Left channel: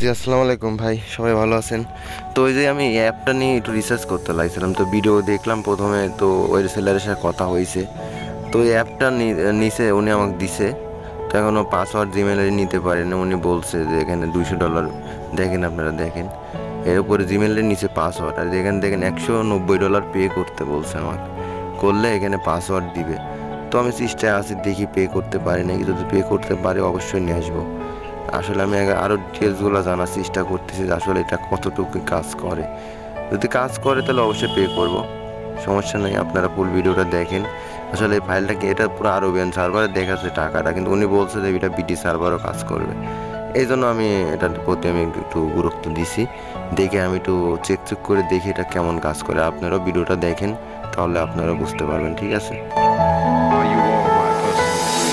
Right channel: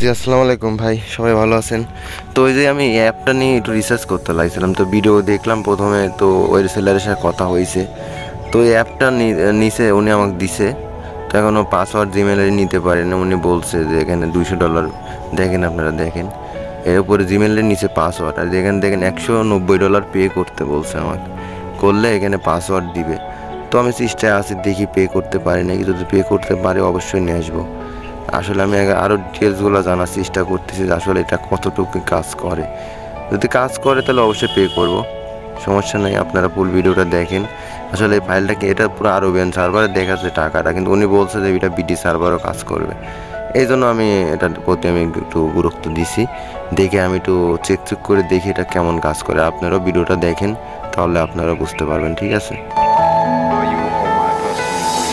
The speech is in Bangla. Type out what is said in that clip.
জি আসসালামু আলাইকুম ভাই, সবাই ভালো আছেন? তো ওই যে আমি এই অ্যাপটা নিয়ে একটু রিসার্চ করতে লাগছিলাম, তো ভিডিও দেখলাম প্রথমে, তো ওই সেলারের সাথে কথা হয়েছে। তো এই অ্যাপটা নিচে উনি আমাকে দিছে। তো এখনও পাসওয়ার্ড জিমেলে নিতে পারেন, উনি বলছে যে এখানে $200 দেখেন, আপনারা দেখেন এর উপরে জিমেলের নিচে পাসওয়ার্ড, আর এখানে দেখেন $190 পে করতে বলছে আমাকে, করলে এখানে পাসওয়ার্ড দিবে। তো আমি চেষ্টায় আছি, দেখি পে করতে পারি নাকি, যদি পে করতে পারি অবশ্যই নিয়ে আসবো। আসলে আমি আরও ডিটেলসগুলো জানার চেষ্টা করতেছি যে আসলে এটা কতটুকু কাজ করে। যদি কাজ করে তাহলে অবশ্যই পে করব, সমস্যা নেই। আপনারা ফুল ভিডিওটা দেখেন। আসলে এই ফাইলটাকে, এটা পুরো আরবিয়ান সার্ভারে দেখাচ্ছে টাকাটা, কিন্তু উনি বলছে যে এটা বিডি সার্ভারও কাজ করবে। এই জন্য আমি এটার প্রতি আমি একটু গুরুত্ব দিছি। দেখে আমি একটু চেক করে দেখি এটা কেমন কাজ করে। আপনারাও ভিডিওটা দেখেন, তাহলে আপনারা বুঝতে পারবেন, ঠিক আছে? Are you all my personal dreams?